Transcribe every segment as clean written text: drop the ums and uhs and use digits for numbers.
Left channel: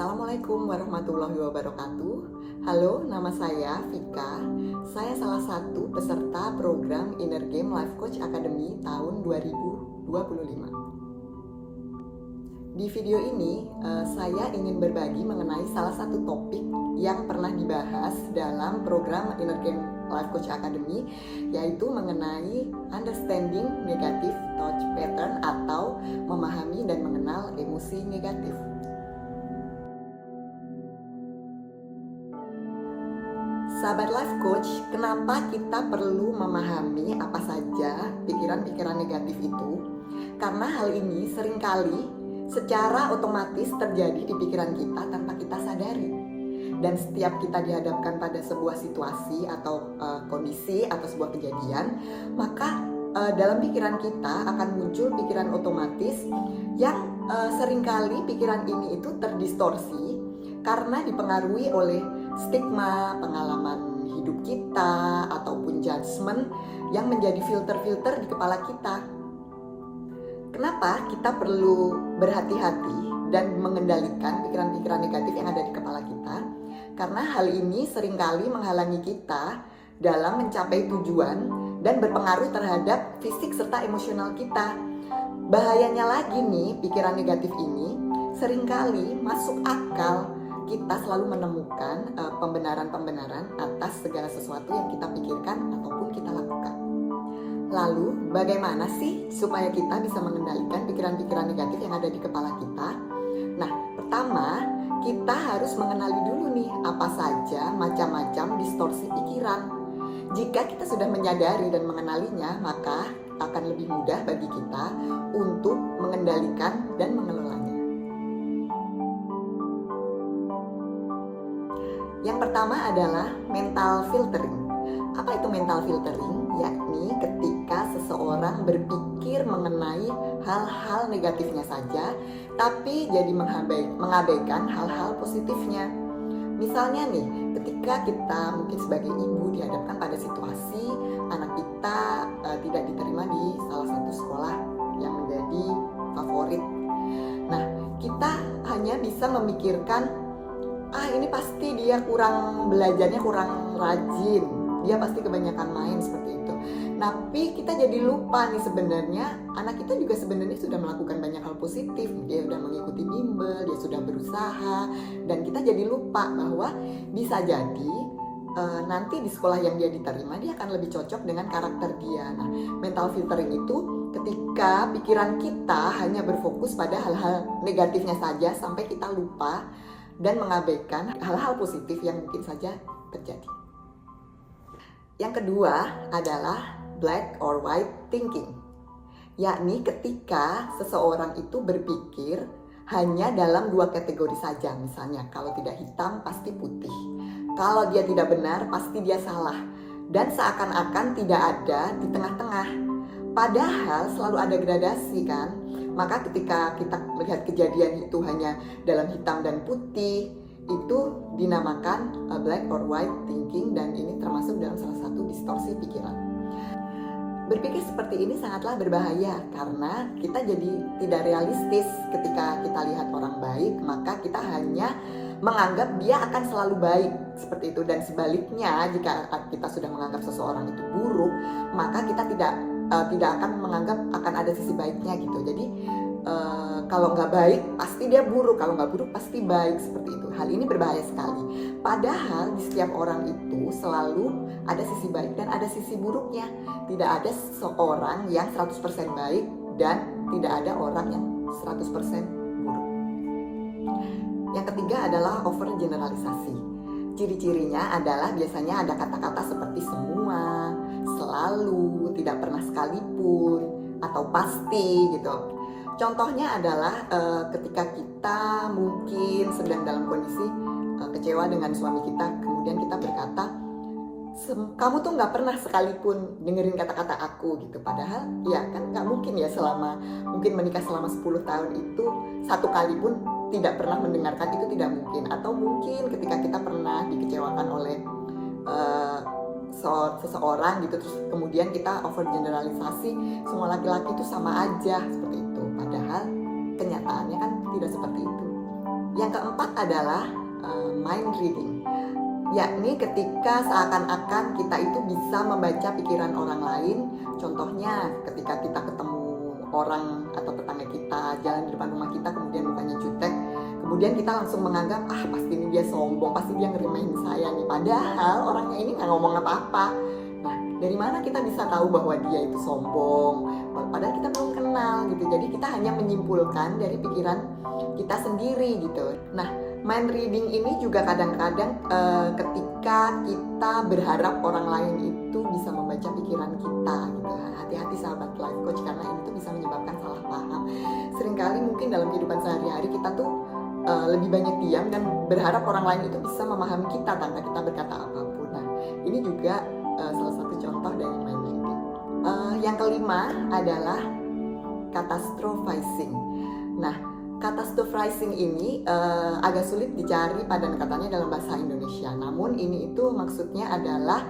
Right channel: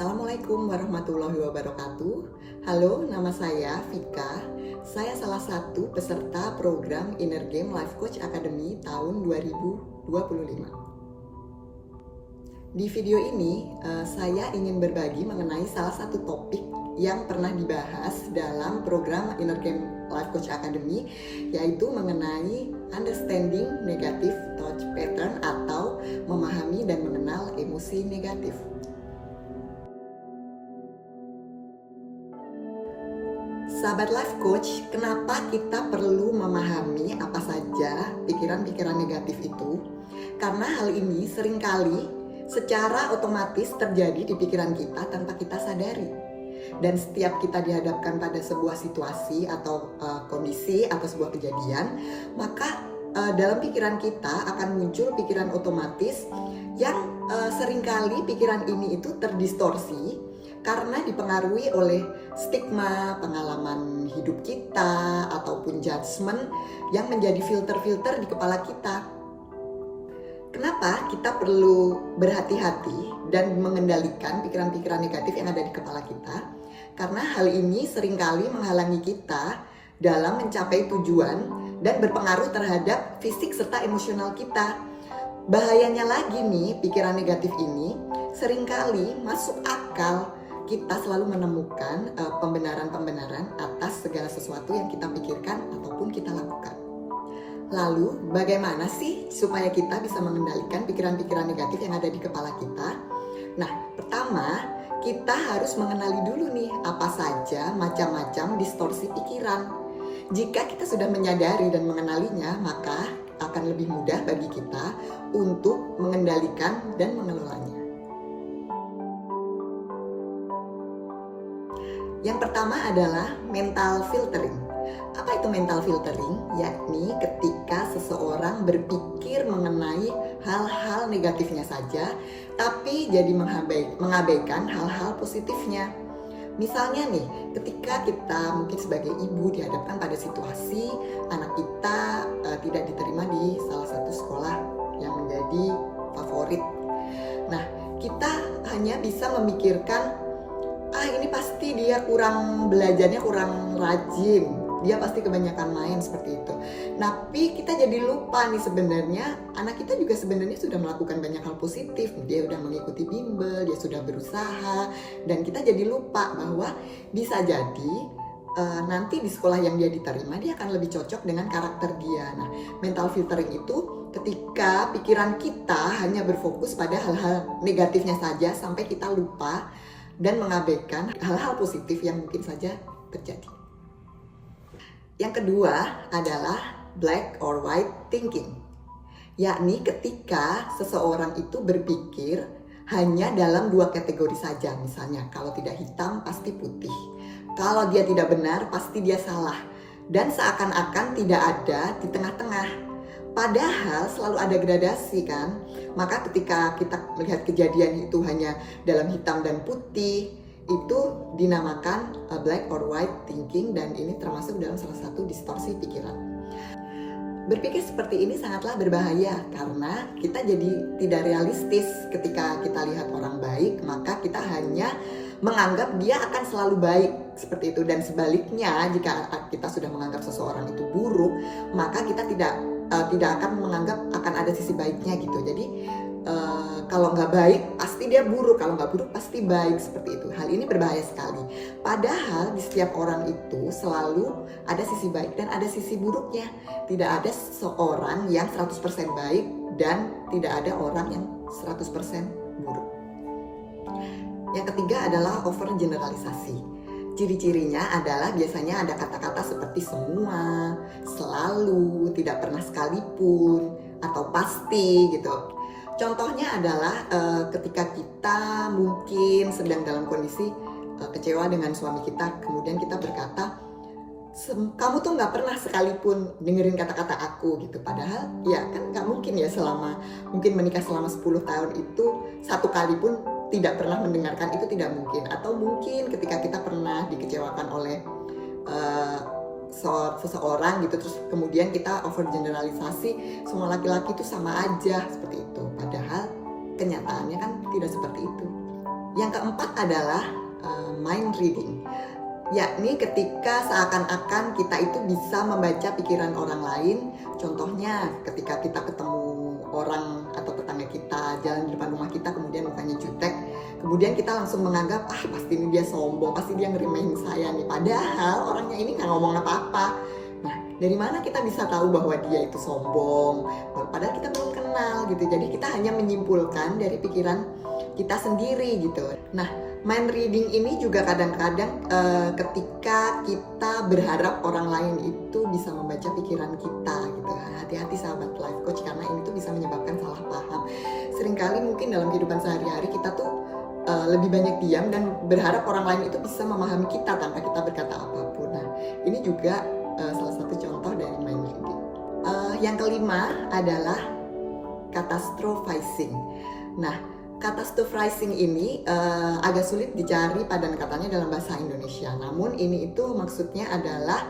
Assalamualaikum warahmatullahi wabarakatuh. Halo, nama saya Vika. Saya salah satu peserta program Inner Game Life Coach Academy tahun 2025. Di video ini, saya ingin berbagi mengenai salah satu topik yang pernah dibahas dalam program Inner Game Life Coach Academy, yaitu mengenai understanding negative thought pattern atau memahami dan mengenal emosi negatif. Sahabat Life Coach, kenapa kita perlu memahami apa saja pikiran-pikiran negatif itu? Karena hal ini seringkali secara otomatis terjadi di pikiran kita tanpa kita sadari. Dan setiap kita dihadapkan pada sebuah situasi atau kondisi atau sebuah kejadian, maka dalam pikiran kita akan muncul pikiran otomatis yang seringkali pikiran ini itu terdistorsi karena dipengaruhi oleh stigma, pengalaman hidup kita, ataupun judgement yang menjadi filter-filter di kepala kita. Kenapa kita perlu berhati-hati dan mengendalikan pikiran-pikiran negatif yang ada di kepala kita? Karena hal ini seringkali menghalangi kita dalam mencapai tujuan dan berpengaruh terhadap fisik serta emosional kita. Bahayanya lagi nih, pikiran negatif ini seringkali masuk akal. Kita selalu menemukan pembenaran-pembenaran atas segala sesuatu yang kita pikirkan ataupun kita lakukan. Lalu, bagaimana sih supaya kita bisa mengendalikan pikiran-pikiran negatif yang ada di kepala kita? Nah, pertama, kita harus mengenali dulu nih apa saja macam-macam distorsi pikiran. Jika kita sudah menyadari dan mengenalinya, maka akan lebih mudah bagi kita untuk mengendalikan dan mengelolanya. Yang pertama adalah mental filtering. Apa itu mental filtering? Yakni ketika seseorang berpikir mengenai hal-hal negatifnya saja, tapi jadi mengabaikan hal-hal positifnya. Misalnya nih, ketika kita mungkin sebagai ibu dihadapkan pada situasi anak kita tidak diterima di salah satu sekolah yang menjadi favorit. Nah, kita hanya bisa memikirkan, ini pasti dia belajarnya kurang rajin, dia pasti kebanyakan main seperti itu. Tapi kita jadi lupa nih sebenarnya anak kita juga sebenarnya sudah melakukan banyak hal positif. Dia sudah mengikuti bimbel, dia sudah berusaha, dan kita jadi lupa bahwa bisa jadi nanti di sekolah yang dia diterima dia akan lebih cocok dengan karakter dia. Nah, mental filtering itu ketika pikiran kita hanya berfokus pada hal-hal negatifnya saja sampai kita lupa dan mengabaikan hal-hal positif yang mungkin saja terjadi. Yang kedua adalah black or white thinking, yakni ketika seseorang itu berpikir hanya dalam dua kategori saja. Misalnya, kalau tidak hitam pasti putih, kalau dia tidak benar pasti dia salah, dan seakan-akan tidak ada di tengah-tengah. Padahal selalu ada gradasi kan. Maka ketika kita melihat kejadian itu hanya dalam hitam dan putih, itu dinamakan black or white thinking, dan ini termasuk dalam salah satu distorsi pikiran. Berpikir seperti ini sangatlah berbahaya karena kita jadi tidak realistis. Ketika kita lihat orang baik, maka kita hanya menganggap dia akan selalu baik seperti itu, dan sebaliknya jika kita sudah menganggap seseorang itu buruk, maka kita tidak akan menganggap akan ada sisi baiknya gitu. Jadi kalau nggak baik pasti dia buruk, kalau nggak buruk pasti baik, seperti itu. Hal ini berbahaya sekali. Padahal di setiap orang itu selalu ada sisi baik dan ada sisi buruknya. Tidak ada seorang yang 100% baik dan tidak ada orang yang 100% buruk. Yang ketiga adalah overgeneralisasi. Ciri-cirinya adalah biasanya ada kata-kata seperti semua, selalu, tidak pernah sekalipun, atau pasti gitu. Contohnya adalah ketika kita mungkin sedang dalam kondisi kecewa dengan suami kita, kemudian kita berkata, kamu tuh nggak pernah sekalipun dengerin kata-kata aku gitu. Padahal ya kan nggak mungkin ya, mungkin menikah selama 10 tahun itu satu kali pun tidak pernah mendengarkan, itu tidak mungkin. Atau mungkin ketika kita pernah dikecewakan oleh seseorang gitu, terus kemudian kita overgeneralisasi semua laki-laki itu sama aja seperti itu. Padahal kenyataannya kan tidak seperti itu. Yang keempat adalah mind reading, yakni ketika seakan-akan kita itu bisa membaca pikiran orang lain. Contohnya ketika kita ketemu orang atau tetangga kita jalan di depan rumah kita, kemudian mukanya jutek, kemudian kita langsung menganggap pasti ini dia sombong, pasti dia ngeremehin saya nih, padahal orangnya ini nggak ngomong apa-apa. Nah, dari mana kita bisa tahu bahwa dia itu sombong padahal kita belum kenal gitu. Jadi kita hanya menyimpulkan dari pikiran kita sendiri gitu. Nah, mind reading ini juga kadang-kadang ketika kita berharap orang lain itu bisa membaca pikiran kita gitu. Hati-hati sahabat life coach, karena ini tuh bisa menyebabkan salah paham. Seringkali mungkin dalam kehidupan sehari-hari kita tuh lebih banyak diam dan berharap orang lain itu bisa memahami kita tanpa kita berkata apapun. Nah, ini juga salah satu contoh dari mind reading. Yang kelima adalah catastrophizing. Nah, catastrophizing ini agak sulit dicari padan katanya dalam bahasa Indonesia. Namun ini itu maksudnya adalah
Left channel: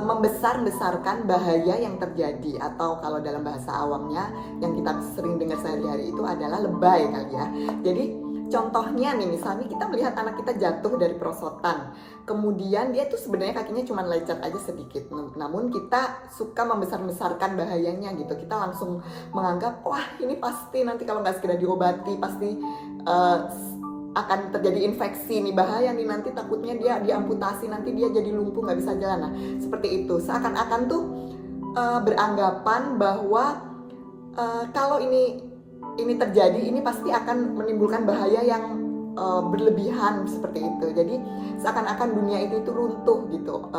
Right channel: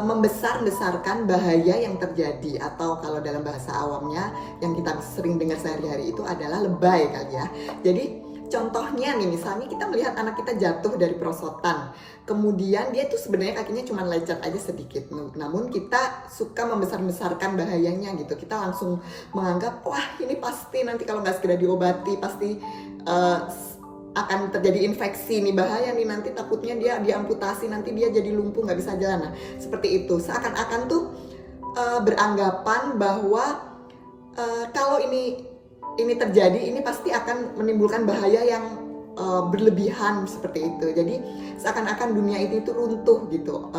membesar-besarkan bahaya yang terjadi, atau kalau dalam bahasa awamnya yang kita sering dengar sehari-hari itu adalah lebay kali ya. Jadi contohnya nih, misalnya kita melihat anak kita jatuh dari perosotan, kemudian dia tuh sebenarnya kakinya cuma lecet aja sedikit, namun kita suka membesar-besarkan bahayanya gitu. Kita langsung menganggap wah ini pasti nanti kalau nggak segera diobati pasti akan terjadi infeksi nih, bahaya nih, nanti takutnya dia diamputasi, nanti dia jadi lumpuh nggak bisa jalan. Nah, seperti itu, seakan-akan tuh beranggapan bahwa kalau ini terjadi, ini pasti akan menimbulkan bahaya yang berlebihan seperti itu. Jadi seakan-akan dunia itu runtuh gitu.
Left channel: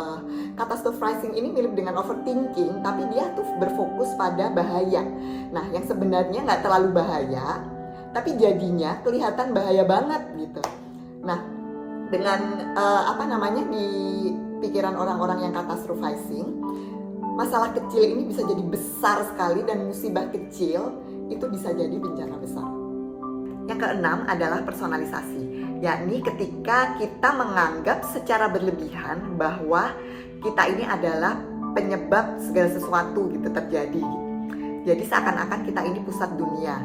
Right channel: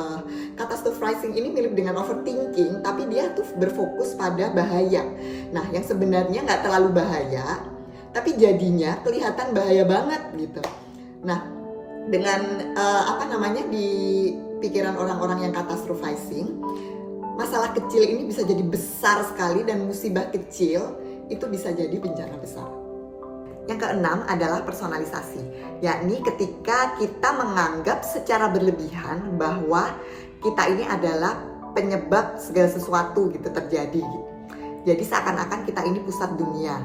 Catastrophizing ini mirip dengan overthinking, tapi dia tuh berfokus pada bahaya. Nah, yang sebenarnya nggak terlalu bahaya, tapi jadinya kelihatan bahaya banget gitu. Nah, dengan di pikiran orang-orang yang catastrophizing, masalah kecil ini bisa jadi besar sekali, dan musibah kecil itu bisa jadi bencana besar. Yang keenam adalah personalisasi, yakni ketika kita menganggap secara berlebihan bahwa kita ini adalah penyebab segala sesuatu gitu terjadi. Jadi seakan-akan kita ini pusat dunia.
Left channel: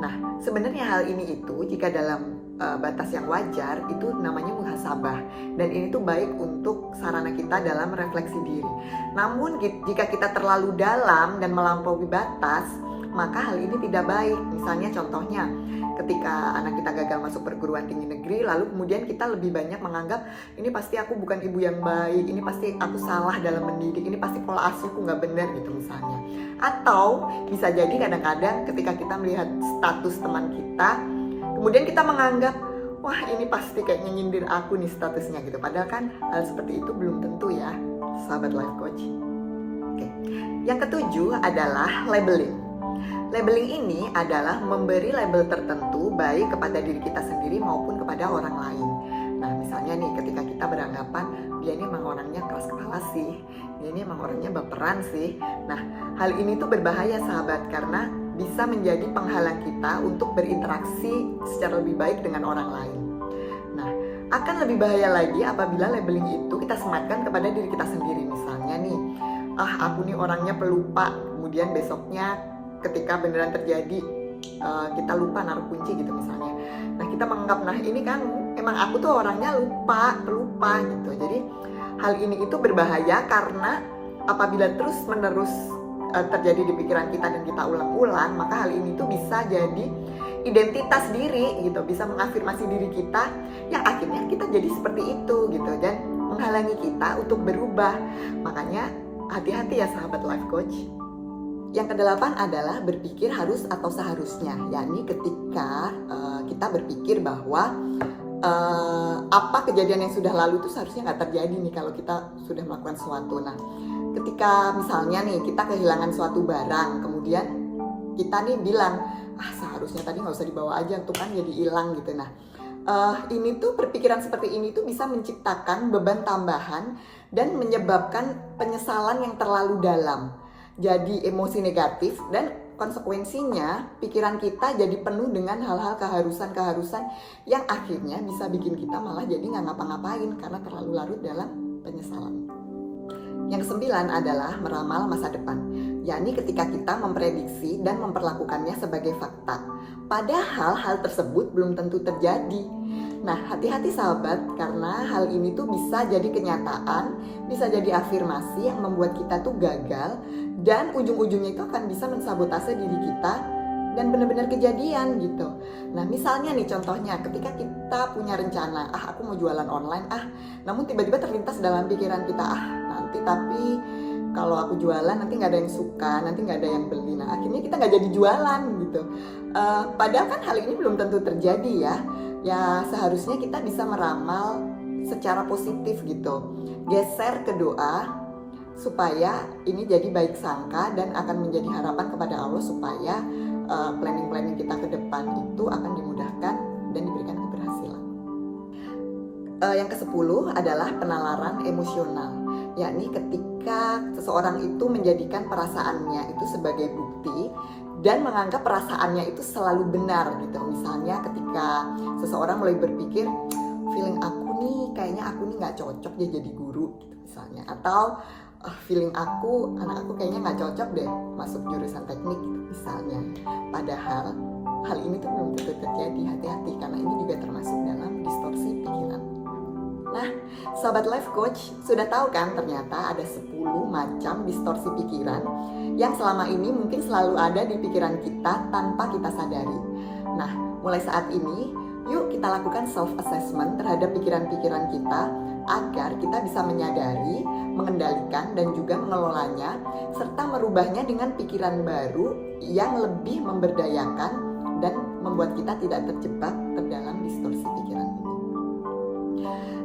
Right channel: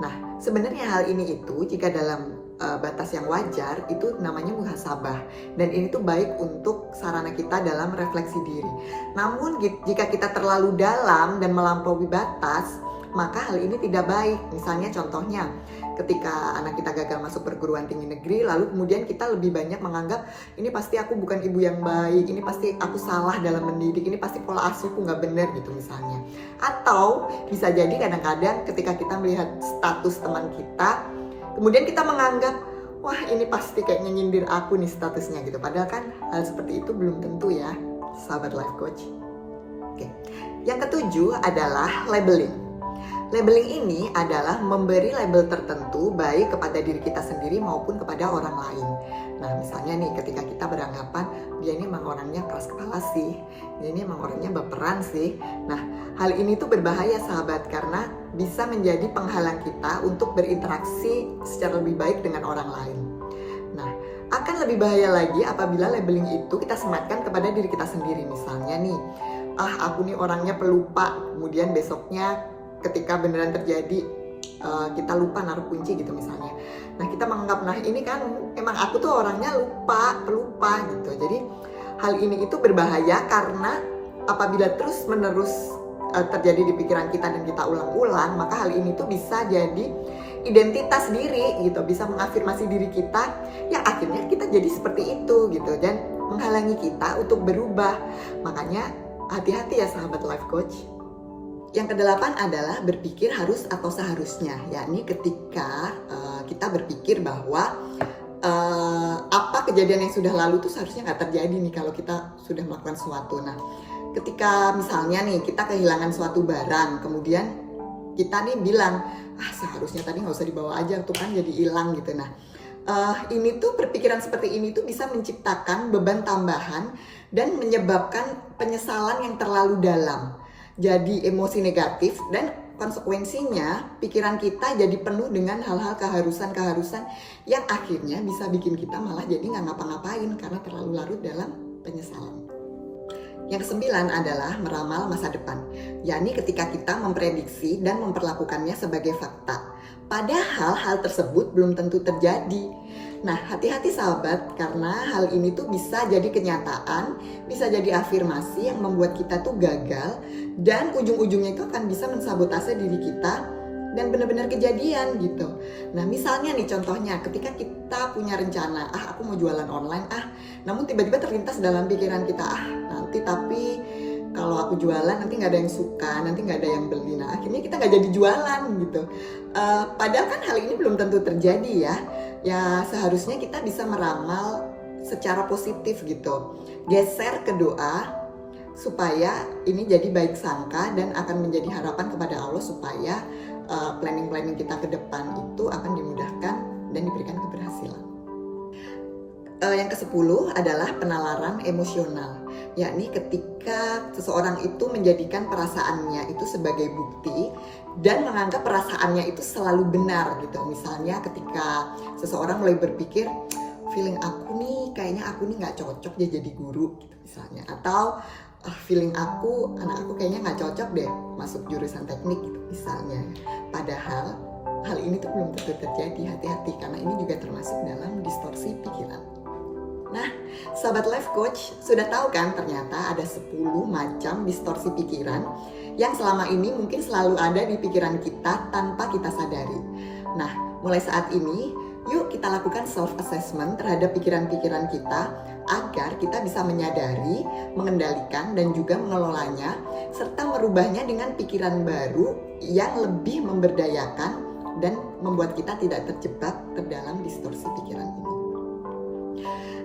Nah, sebenarnya hal ini itu jika dalam batas yang wajar itu namanya muhasabah, dan ini tuh baik untuk sarana kita dalam refleksi diri. Namun jika kita terlalu dalam dan melampaui batas, maka hal ini tidak baik. Misalnya contohnya ketika anak kita gagal masuk perguruan tinggi negeri, lalu kemudian kita lebih banyak menganggap ini pasti aku bukan ibu yang baik, ini pasti aku salah dalam mendidik, ini pasti pola asuhku nggak benar gitu misalnya. Atau bisa jadi kadang-kadang ketika kita melihat status teman kita, kemudian kita menganggap wah ini pasti kayaknya nyindir aku nih statusnya gitu. Padahal kan hal seperti itu belum tentu ya, sahabat life coach. Oke. Yang ketujuh adalah labeling. Labeling ini adalah memberi label tertentu baik kepada diri kita sendiri maupun kepada orang lain. Nah, misalnya nih ketika kita beranggapan dia ini emang orangnya keras kepala sih, dia ini emang orangnya baperan sih. Nah, hal ini tuh berbahaya sahabat, karena bisa menjadi penghalang kita untuk berinteraksi secara lebih baik dengan orang lain. Nah, akan lebih bahaya lagi apabila labeling itu kita sematkan kepada diri kita sendiri. Misalnya nih, aku nih orangnya pelupa, kemudian besoknya ketika beneran terjadi kita lupa naruh kunci gitu misalnya. Nah, kita menganggap nah ini kan emang aku tuh orangnya pelupa gitu. Jadi hal ini itu berbahaya karena apabila terus menerus terjadi di pikiran kita dan kita ulang-ulang, maka hal ini tuh bisa jadi identitas diri gitu, bisa mengafirmasi diri kita yang akhirnya kita jadi seperti itu gitu, dan menghalangi kita untuk berubah. Makanya hati-hati ya sahabat life coach. Yang kedelapan adalah berpikir harus atau seharusnya, yakni ketika kita berpikir bahwa apa kejadian yang sudah lalu itu seharusnya nggak terjadi nih kalau kita sudah melakukan sesuatu. Nah, ketika misalnya nih kita kehilangan suatu barang, kemudian kita nih bilang, seharusnya tadi nggak usah dibawa aja tuh kan jadi hilang gitu. Nah, ini tuh perpikiran seperti ini tuh bisa menciptakan beban tambahan dan menyebabkan penyesalan yang terlalu dalam. Jadi emosi negatif, dan konsekuensinya pikiran kita jadi penuh dengan hal-hal keharusan-keharusan yang akhirnya bisa bikin kita malah jadi nggak ngapa-ngapain karena terlalu larut dalam penyesalan. Yang kesembilan adalah meramal masa depan, yakni ketika kita memprediksi dan memperlakukannya sebagai fakta. Padahal hal tersebut belum tentu terjadi. Nah, hati-hati sahabat, karena hal ini tuh bisa jadi kenyataan, bisa jadi afirmasi yang membuat kita tuh gagal, dan ujung-ujungnya itu akan bisa mensabotase diri kita dan benar-benar kejadian gitu. Nah, misalnya nih contohnya, ketika kita punya rencana, aku mau jualan online, namun tiba-tiba terlintas dalam pikiran kita, nanti tapi kalau aku jualan nanti nggak ada yang suka, nanti nggak ada yang beli. Nah, akhirnya kita nggak jadi jualan gitu. Padahal kan hal ini belum tentu terjadi ya. Ya seharusnya kita bisa meramal secara positif gitu. Geser ke doa supaya ini jadi baik sangka dan akan menjadi harapan kepada Allah supaya planning-planning kita ke depan itu akan dimudahkan dan diberikan keberhasilan. Yang ke-10 adalah penalaran emosional, yakni ketika seseorang itu menjadikan perasaannya itu sebagai bukti dan menganggap perasaannya itu selalu benar gitu. Misalnya ketika seseorang mulai berpikir, feeling aku nih, kayaknya aku nih nggak cocok dia jadi guru gitu misalnya, atau feeling aku, anak aku kayaknya nggak cocok deh masuk jurusan teknik gitu misalnya. Padahal hal ini tuh belum tentu terjadi. Hati-hati, karena ini juga termasuk dalam distorsi pikiran. Nah, sahabat life coach, sudah tahu kan ternyata ada 10 macam distorsi pikiran yang selama ini mungkin selalu ada di pikiran kita tanpa kita sadari. Nah, mulai saat ini, yuk kita lakukan self-assessment terhadap pikiran-pikiran kita agar kita bisa menyadari, mengendalikan, dan juga mengelolanya, serta merubahnya dengan pikiran baru yang lebih memberdayakan dan membuat kita tidak terjebak ke dalam distorsi pikiran ini.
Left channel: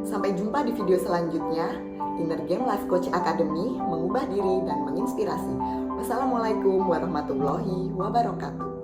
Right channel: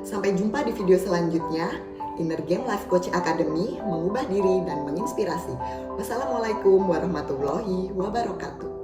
Sampai jumpa di video selanjutnya. Inner Game Life Coach Academy, mengubah diri dan menginspirasi. Wassalamualaikum warahmatullahi wabarakatuh.